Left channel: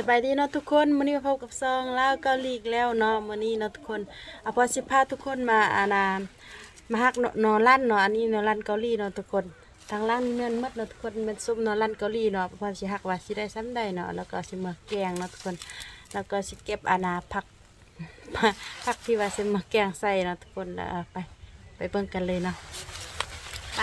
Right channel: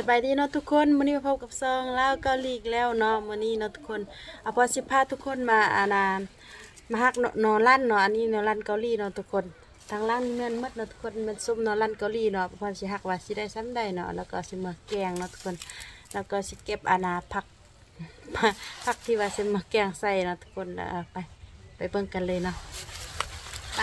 สบายดีเนาะทุกคนมื้อนี้มาพบกับซองแล้วก็ลีกแล้วเนาะมื้อนี้เนาะทุกคนพอสิพาทุกคนมามาฮักนอลั่นเนาะอันนี้นอลั่นเกาหลีเนาะทุกคนทางล่างนี่แม่นหมดเนาะทุกคนมันซุปนอลั่นเกาหลีเนาะพอสิฮักว่าสิได้ซ้ำได้เนาะแล้วก็สิมาแกงเนาะทุกคนแล้วก็สิเก็บผักผักที่ว่าสิมาแกงใส่เนาะทุกคนแล้วไปเบิ่งกันเลยเนาะไป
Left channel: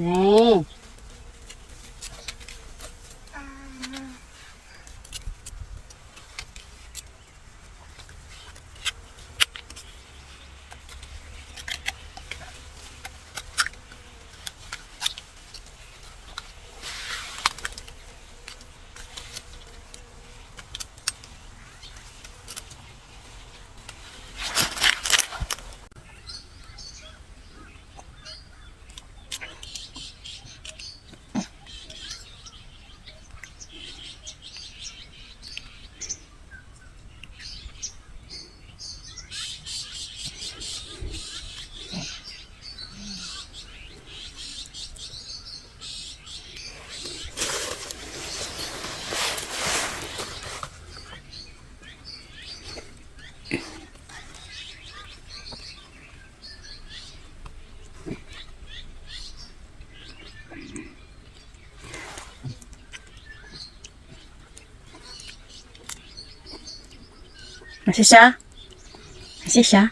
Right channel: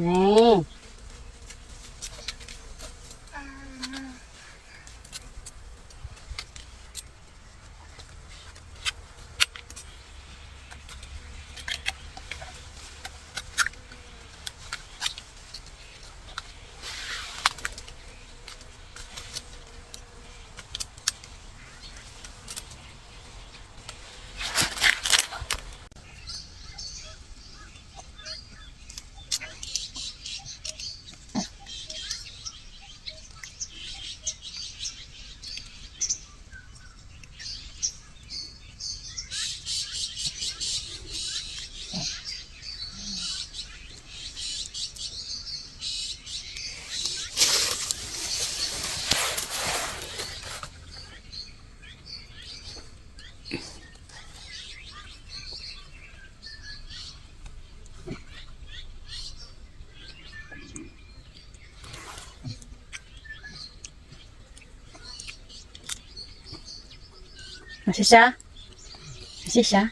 นี่谢谢，谢谢。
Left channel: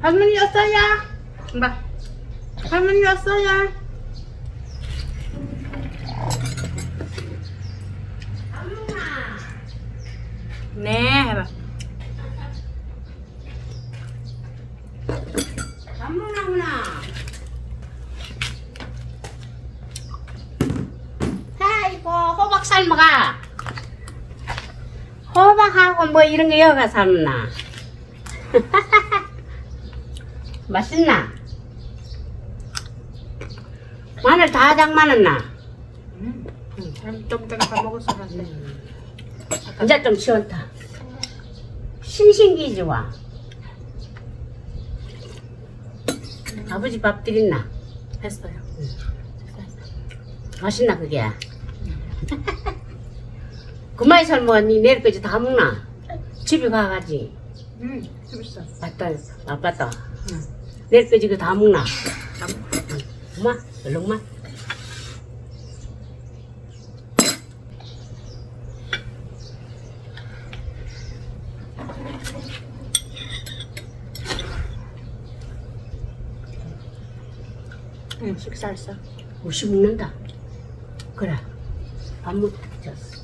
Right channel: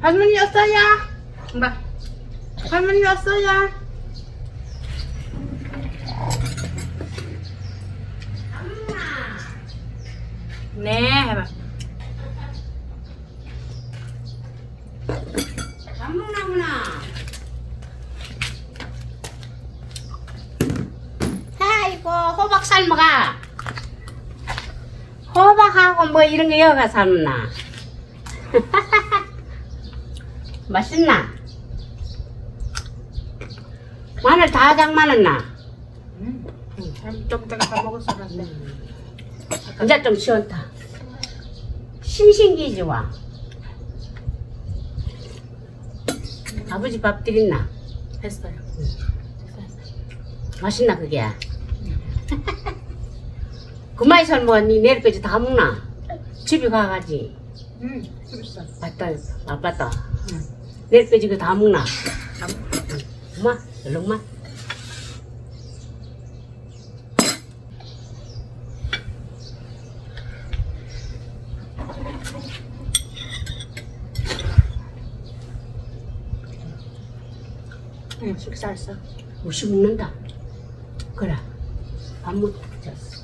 할머니 왔어요. 봐. 할머니 왔어요. 네, 해봐. 안 먹나구나. 아이고 호박 삶아가. 호박하고 뭐 이런 게 여가 삶나. 맛있나? 마늘 다 장만했나? 좀 전에 밥 먹었어, 근데. 이제 좀 시원타. 싱싱기지 와. 아버지 밥 드렸나? 했어요. 맛있나 그게? 그만 삶아 니 내일까지 다 먹나? 집에 가가지. 재밌어. 맞다. 내일까지 그 다 먹나? 엄마 얼른만. 응, 식사했어. 무시 먹는다. 그래. 밥 못 줬어.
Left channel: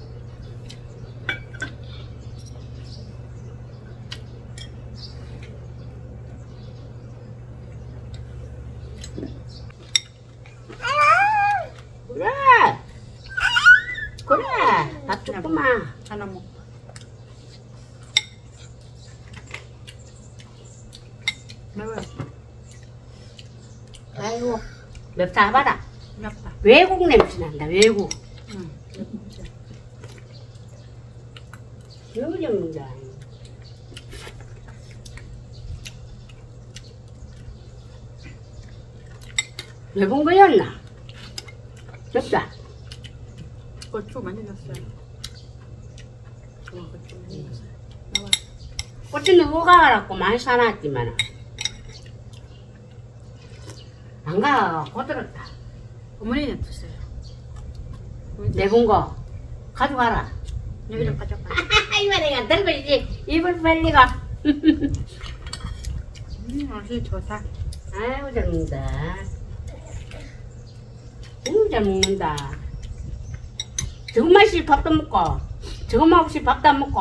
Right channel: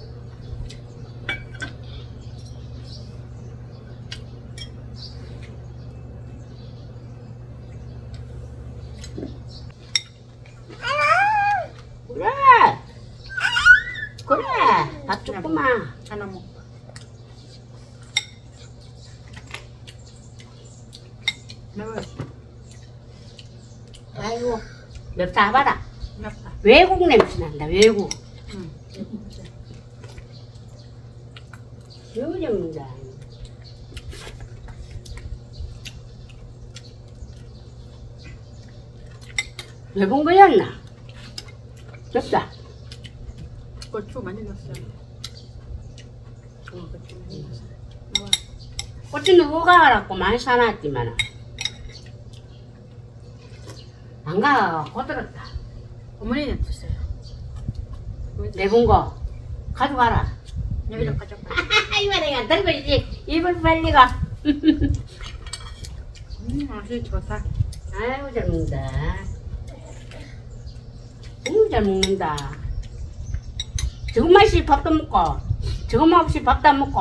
그래. 그래. 밥 조금만. 하나 먹고. 매워요. 아이고. 맵다 봐라. 맵다. 외국 냄새 난다. 외국. 응. 너무 먹는다. 외국 거였나? 맵다. 고추 많이 넣었어요. 고추 많이 넣었어요. 매워요. 꽃이 누구 가라고 많이 사놨지만 안 가. 고들었다. 어머니는 드세요. 내본 거 가져가라. 여기다 가져가. 이말이야 들고 이제 입을 벌리가. 맛이 좋다. 아이고 잘 먹는다. 잘 먹는다. 저거 맛이 밥도 먹고 저거 맛이 밥도 안 먹고.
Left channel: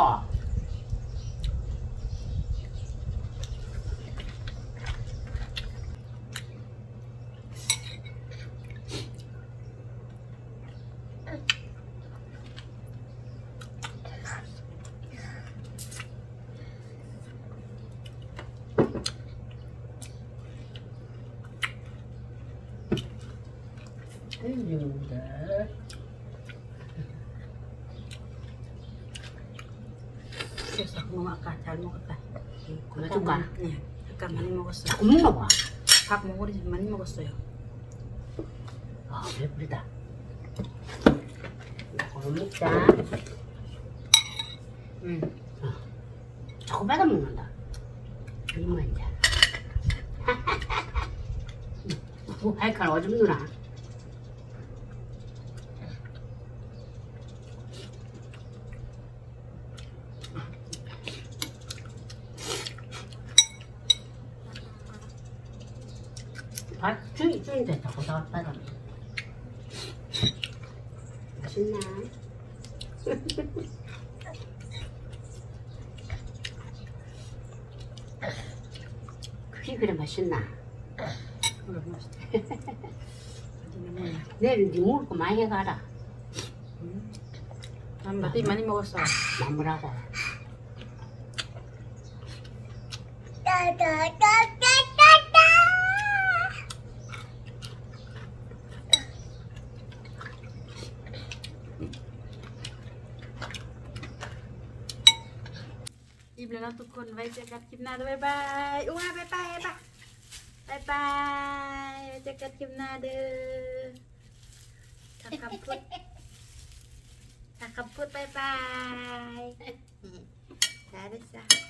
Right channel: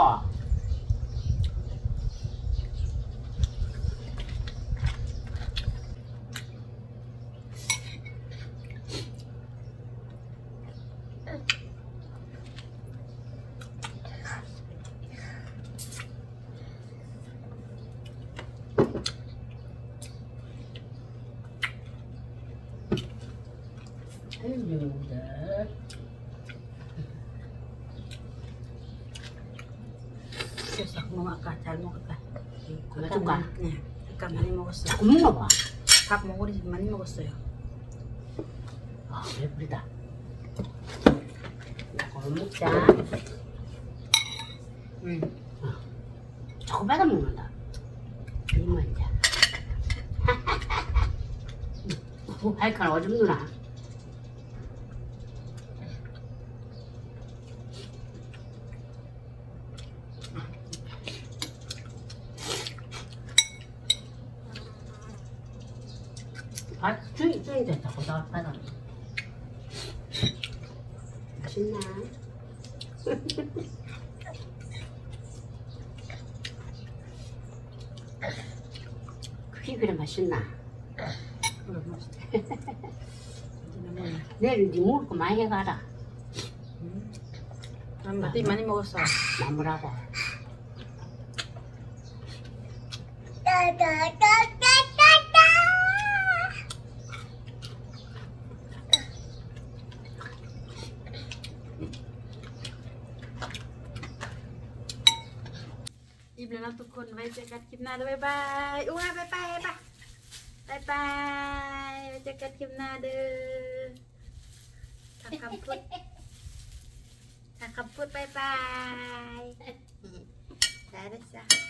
아이고 잘 먹는다. 그래서 뭐 아까 잘 먹었다. 그만 줄까? 네. 아까 많이 먹었어요. 자꾸 먹나 봐. 밥 먹으니 많이 먹었어요. 아 배부르다. 이거 먹자. 응. 자꾸 받아 먹는다. 이 말이야. 할칼 오줌 누나. 아, 주인 됐다고 다 받아. 맛있나? 그게 그래 맛있나? 그래 맛있다. 내일 네 먹을 거 많이 해가라. 난 맛이 많이 먹었어. 나무라고.อิ่มแล้วนะทุกคนไว้เจอกันคลิปหน้าเด้อบ๊ายบายอุ้ยบ๊ายบายบ๊ายบายบ๊ายบายไว้เจอกันคลิปหน้าเด้อถ้าคำพูดบ๊ายบายได้ด้วยจ้ะ